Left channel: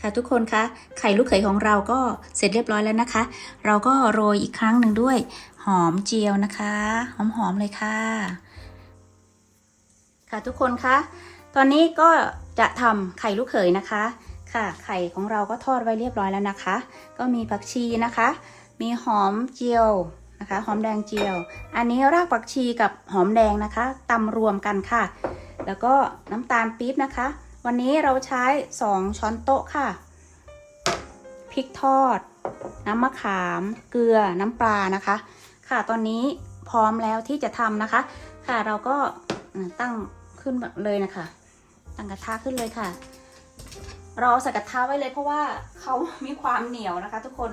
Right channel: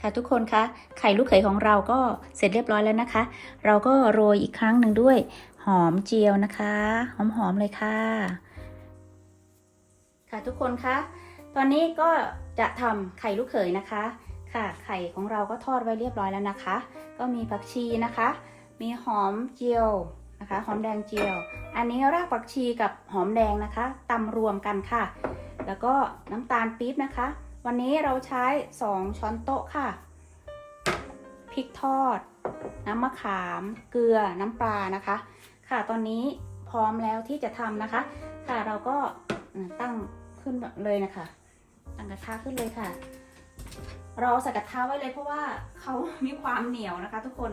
ค่ะทุกคนคะไข่ลูกเขยของเราก็เสร็จเรียบร้อยแล้วนะคะ เราก็โรยอีกครั้งหนึ่งด้วย หอมเจียวนะคะ หอมๆเลยค่ะ ค่ะทุกคนคะตอนนี้ก็จะทำไข่ลูกเขยนะคะ ค่ะ ไข่ของเราก็ทอดไว้เรียบร้อยแล้วนะคะ ก็มีผักชีนะคะ มีหอมเจียวนะคะ หอมแดงเจียว อันนี้รากผักชีกับหอมแดงนะคะตำรวมกันค่ะ แล้วก็น้ำตาลปี๊บนะคะ วันนี้เราใช้ 2 ช้อนโต๊ะค่ะ พริกทอด น้ำมะขาม เกลือ น้ำปลานะคะ ค่ะ ตอนนี้พร้อมแล้วที่จะทำนะคะ ค่ะ เราก็ตั้งขึ้นแบบเลยนะคะ ตั้งกระทะขึ้นเลยค่ะ เราเอาใส่กระทะไว้เลยเพราะว่าเขามีความเหนียวนะคะ ทุกคน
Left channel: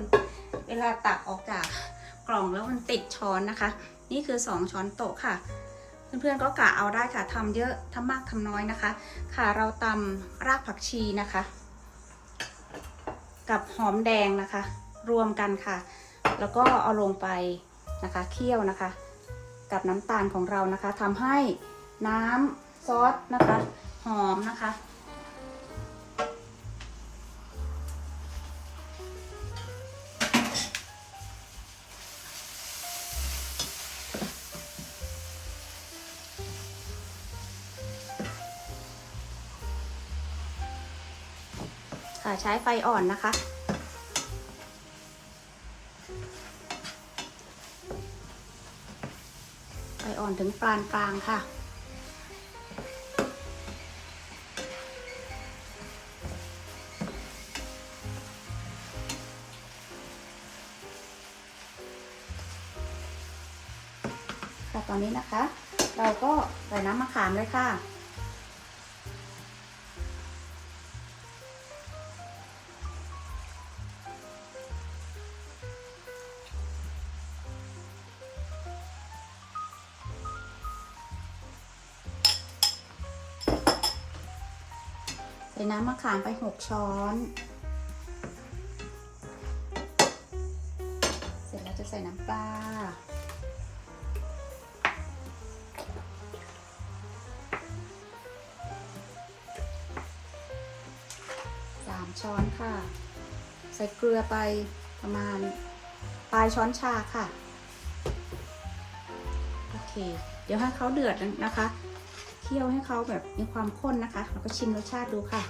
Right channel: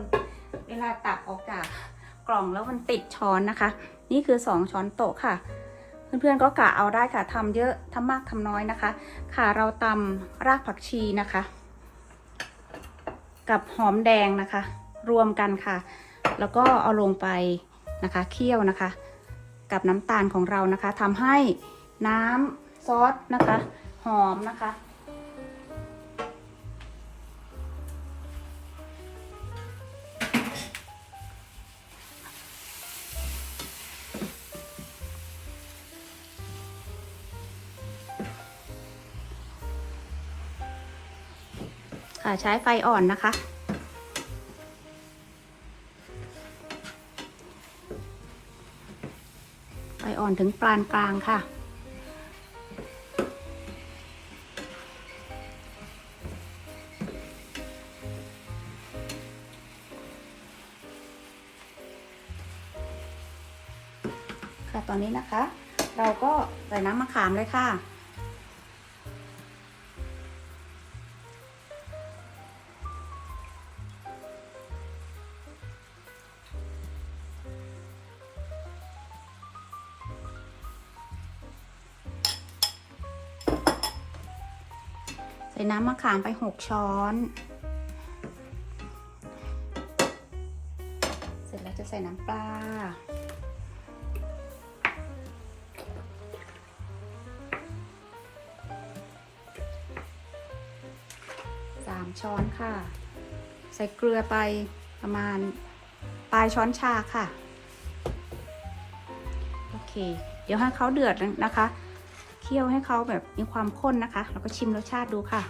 เวลาตักออกจากกล่องแล้วมันติดช้อนนะคะ นี่คือ 2 ช้อนโต๊ะค่ะ เพื่อนๆก็กะเอาได้ค่ะทำเยอะทำมากทำน้อยนะคะ ค่ะเราตำรากผักชีนะคะ กับหอมแดงนะคะ รวมกันค่ะ แล้วก็เอาลงไปนะคะเคี่ยวนะคะ กับน้ำตาลของเรานะคะทำให้น้ำซอสนะคะ หอมนะคะ ใช้ไฟอ่อนนะคะ ไฟอ่อนถึงปานกลางค่ะ ค่ะตอนนี้นะคะ เราก็ใส่น้ำมะขามเลยค่ะ ส่น้ำมะขามไป6ช้อน เสร็จแล้วจะใส่น้ำปลา สามช้อนค่ะ ใส่เกลือไปประมาณปลายช้อนชาค่ะ โอเค เดี๋ยวให้เขาเดือดนะคะ เคี่ยวให้เขาแบบมีความข้นนะคะแล้วก็ชิมรสชาติดูค่ะ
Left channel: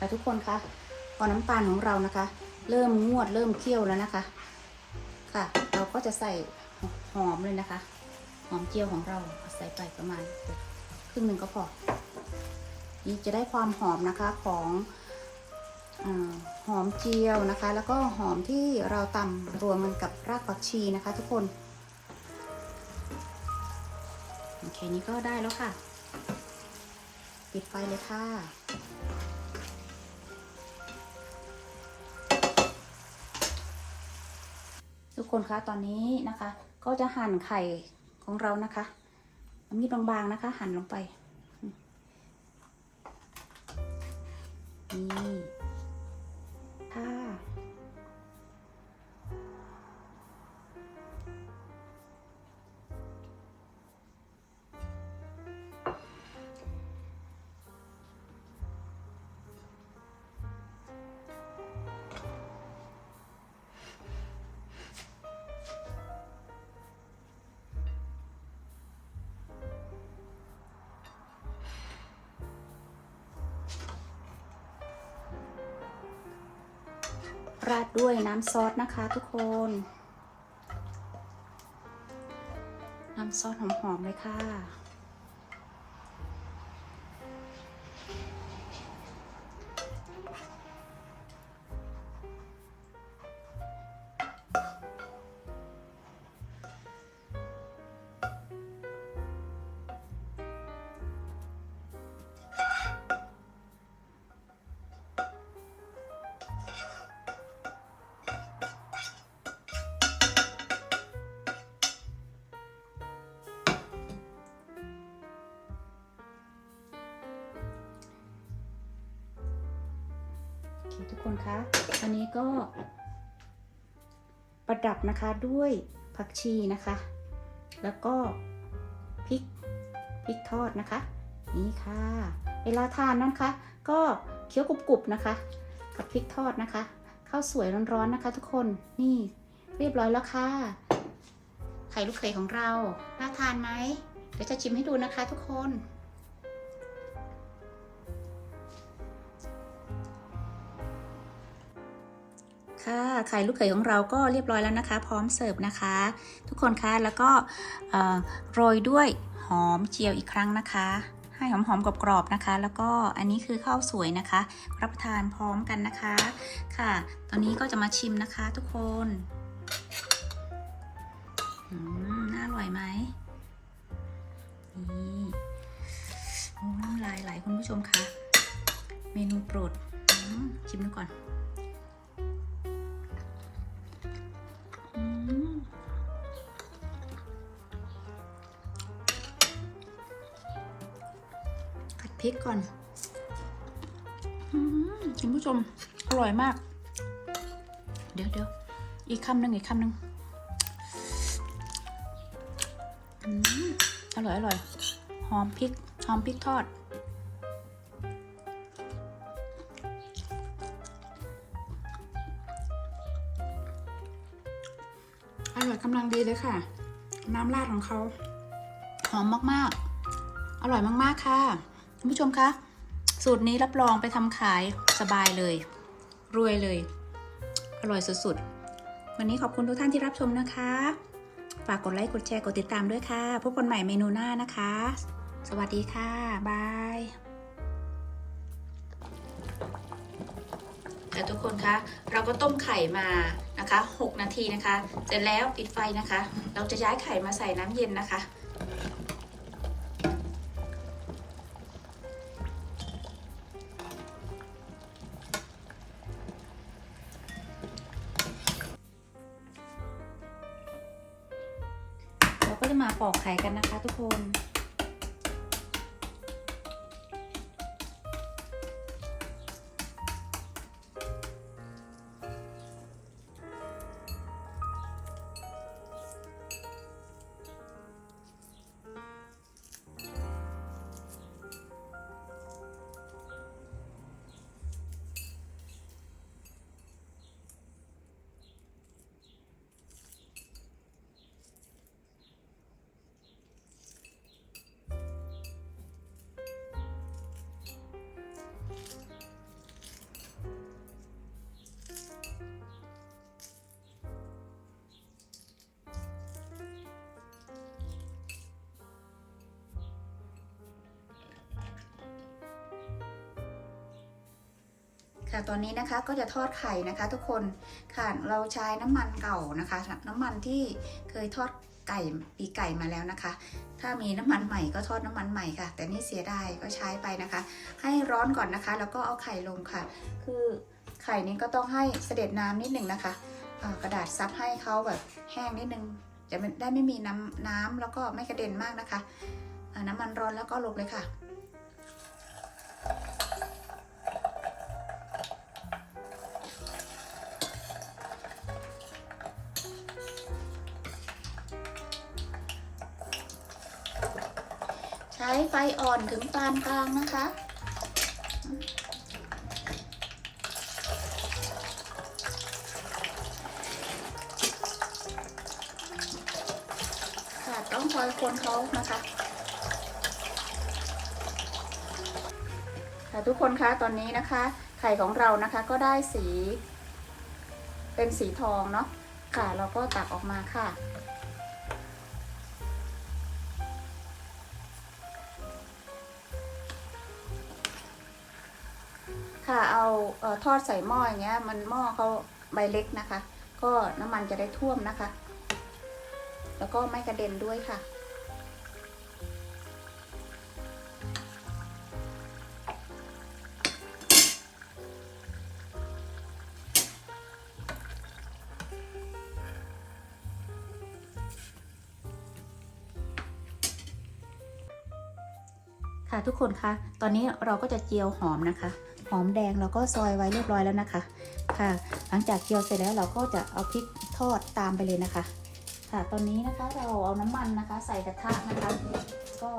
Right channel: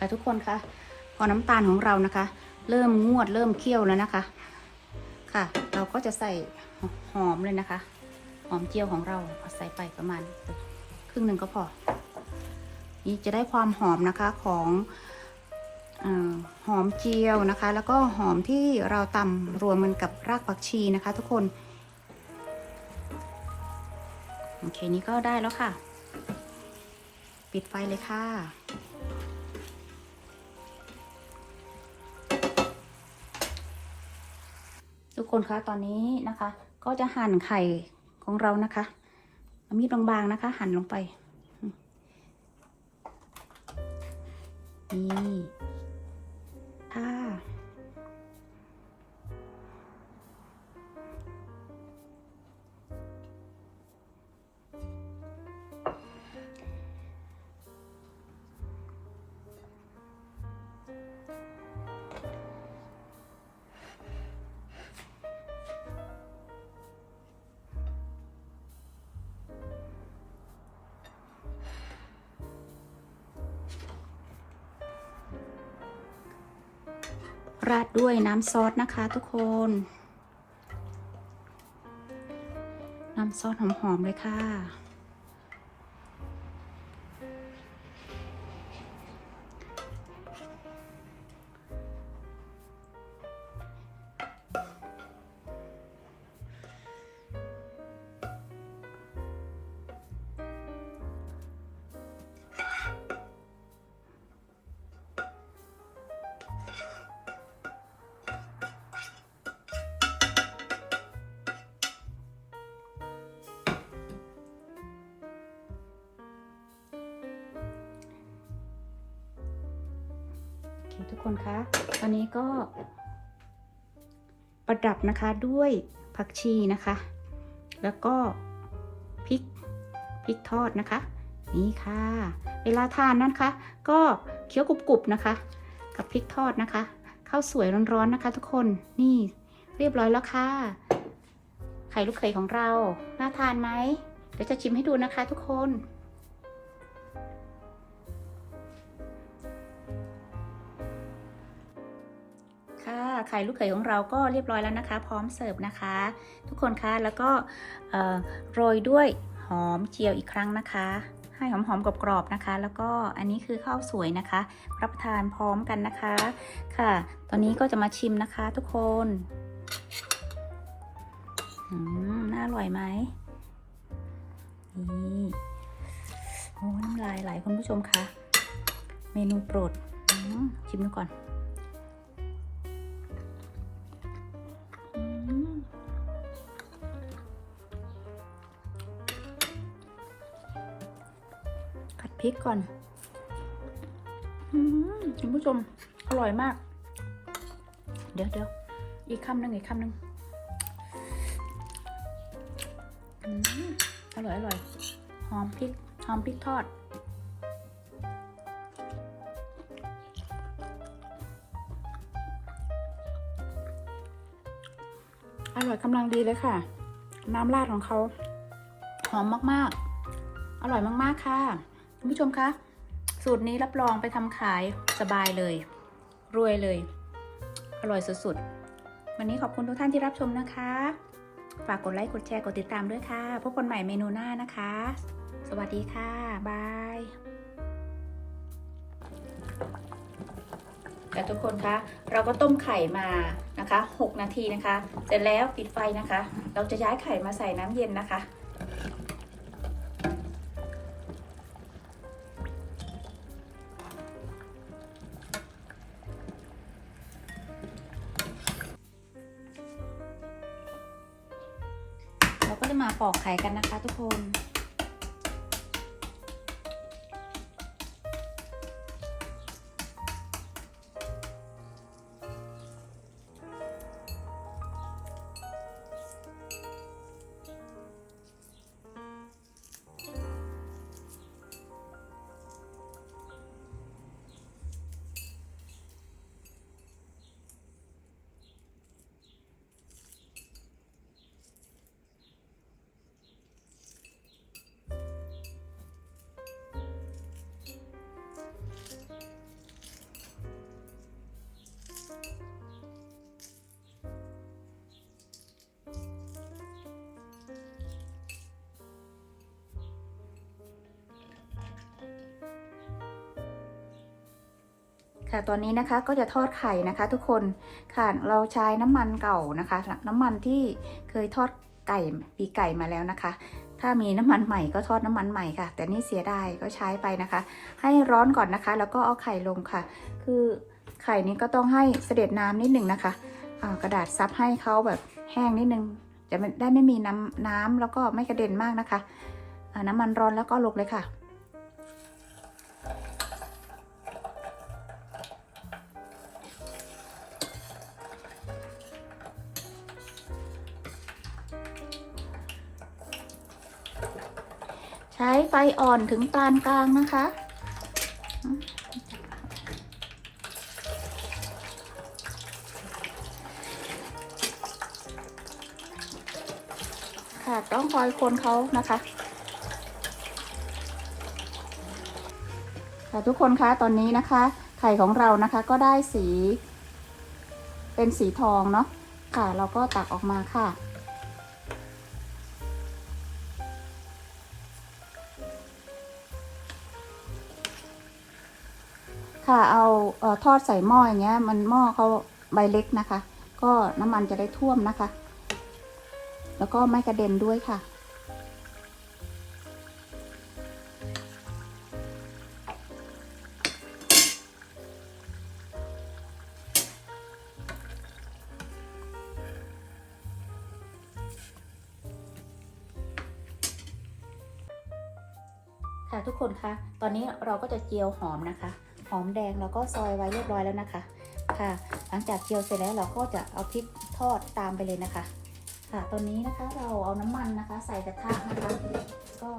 แต่ทุกคนคะพอน้ำตาลของเรานะคะ เริ่มงวดเริ่มเคี่ยวแล้วนะคะ ค่ะ เราก็จะใส่หอมเลยนะคะ หอมเจียวของเราใส่ไปประมาณครึ่งหนึ่งก็พอ นี่จะได้ความหอมนะคะของอหอมเจียวนะคะ แล้วก็หอมที่เราตำรวมมันกับรากผักชีนะคะ ทุกคน โอเค นี้ก็ได้แล้วค่ะ ปิดไฟเลยค่ะ คนคะตอนนี้นะคะ ก็จะหั่นไข่ของเรานะคะเอามีดบางๆนะคะ หั่นลงไปนี่ ด้วยน้ำซอสนะคะทุกคน น้ำซอสหอมๆเลยค่ะ ทุกคนคะตอนนี้ก็ ประดับนะคะด้วยผักชีนะคะ แล้วก็พริกพริกทอดนะคะ นี่ค่ะ เวลาทานนะคะ ก็เคี้ยวกรุบๆนะคะ กับพริกทอดนะคะข้าวสวยร้อนๆนะคะ ทุกคนนี่เรียบร้อยแล้วค่ะ ไข่ลูกเขยของเราน่าทานไหมเดี๋ยวจะชิมให้ดูนะคะทุกคน ค่ะ ไข่ลูกเขยของเราก็เรียบร้อยแล้วนะคะ พร้อมเสิร์ฟนะคะ ทุกคนคะแล้วก็โรยด้วยหอมเจียวอีกครั้งนะคะ ให้หอมๆกรอบๆนะคะ แล้วก็อันนี้คือข้าวสวยนะคะ รับประทานพร้อมกันนะคะค่ะ ตอนนี้ก็จะมาชิมนะคะทุกคนน่าอร่อยไหมนี่โอ้น้ำลายไหลคุณผู้ชมคะเมนูโปรดชิมดูก่อน พริกก่อนคุณผู้ชม อร่อยมาก เดี๋ยวเดี๋ยวอีกคำหนึ่งอีกคำหนึ่งอืมอร่อยอร่อย หอมพริก หอมพริกทอด อร่อยกำลังดีเลยค่ะ น้ำราดของเขา หอมมาก ๆ อร่อยมาก ๆ ค่ะ คุณผู้ชมคะ สูตรนี้รับรองไปทำขายสบายเลย รวยเลย อร่อยสุดๆ วันนี้ขอบคุณทุกท่านที่รับชมนะคะ ฝากกดไลค์กดแชร์กดติดตามด้วยค่ะ พบกันใหม่เมนูหน้านะคะ สวัสดีค่ะ บาย แต่ทุกคนคะ เราก็ต้มไข่มานะคะ 6 นาทีนะคะ เสร็จแล้วปิดไฟนะคะ เราจะย้ายไข่มาใส่น้ำเย็นนะคะ มาปอกไข่กันนะคะทุกคน ค่ตัวนี้นะคะก็จะทอดไข่นะคะ ทุกคนค่ะเราใช้น้ำมันเก่านะคะ น้ำมันที่เคยทอดไก่ปีไก่มาแล้วนะคะ ถ้ามีน้ำมันใหม่ก็ทอดน้ำมันใหม่ค่ะ แต่นี่เสียดายก็ใช้ไปนะคะ ให้ร้อนก่อนนะคะ แล้วก็เอาไข่ลงค่ะ คือไข่นี้ก็ต้องให้เสด็จน้ำนิดหนึ่งนะคะอ่ากระดาษซับให้เขาแบบแห้งนิดนึงจะได้ไม่มีน้ำน้ำแล้วก็ไม่กระเด็นมากนะคะน้ำมันร้อนแล้วก็ลงเลยค่ะ ช้ไฟอ่อนถึงปานกลางนะคะ ค่ะต้องคอยคนเขานะคะแต่ทุกคนคะตอนนี้นะคะ ไข่ของเรานะคะก็ได้สี เป็นสีทองเนาะค่ะ เราก็ตักออกมาค่ะ ค่ะเอาเออทอดใส่หม้ออย่างเงี้ย มันหม้อเขาใบเล็กนะคะ ก็น้ำมันจะได้ท่วมนะคะ แล้วก็ไม่กระเด็นด้วยค่ะ ค่ะทุกคนคะ ตอนนี้เราก็จะเจียวหอมนะคะ หอมแดงเราก็ซอยไว้เรียบร้อยแล้วนะคะ ค่ะ หลังจากเจียวเสร็จแล้วเราก็จะเอาพริกทอดตามไปเลยนะคะ ค่ะตอนนี้นะคะเราเอาน้ำมันนะคะ ใส่กระทะนะคะ ก็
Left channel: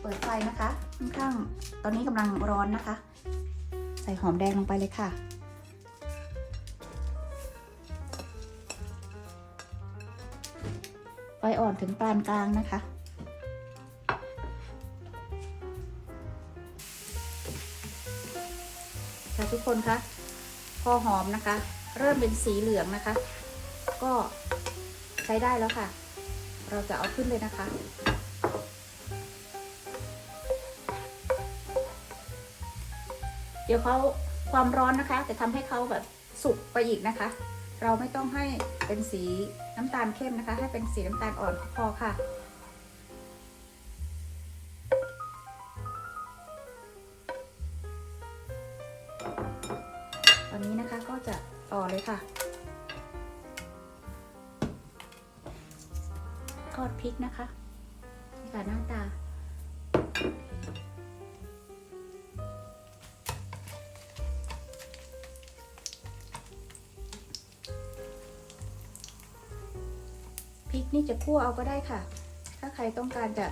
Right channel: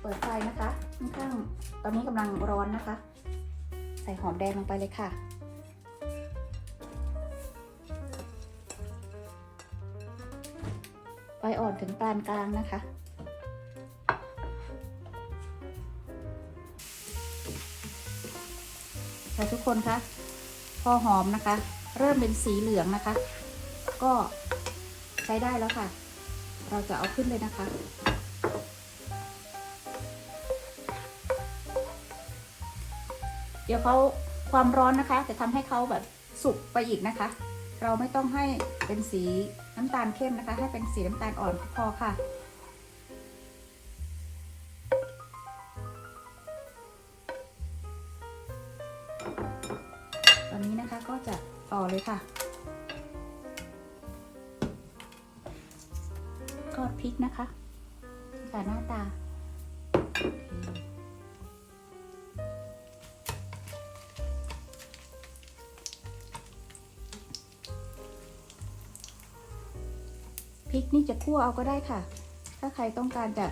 เปิดไฟนะคะค่อนข้างตอนนี้กำลังร้อนนะคะ ใส่หอมแดงลงไปเลยค่ะไฟอ่อนถึงปานกลางนะคะ หอมนะคะ เริ่มเป็นสีเหลืองนะคะ ก็ใช้ได้แล้วค่ะ เราจะเอาขึ้นเลยนะคะ เดี๋ยวเขาความร้อนนะคะจะทำให้เขาแบบสุกไปอีกนะคะ เราไม่ต้องให้เป็นสีน้ำตาลเข้มนะคะ ให้เป็นสีน้ำตาลอ่อนพอค่ะ ริกนะคะนี่ค่ะหน้าตา พริกนี่จะคั่วเอาก็ได้ค่ะ ถ้าใครต้องการจะ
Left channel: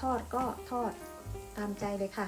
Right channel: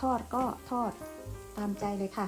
ทอดก็ทอดตามใจเลยค่ะ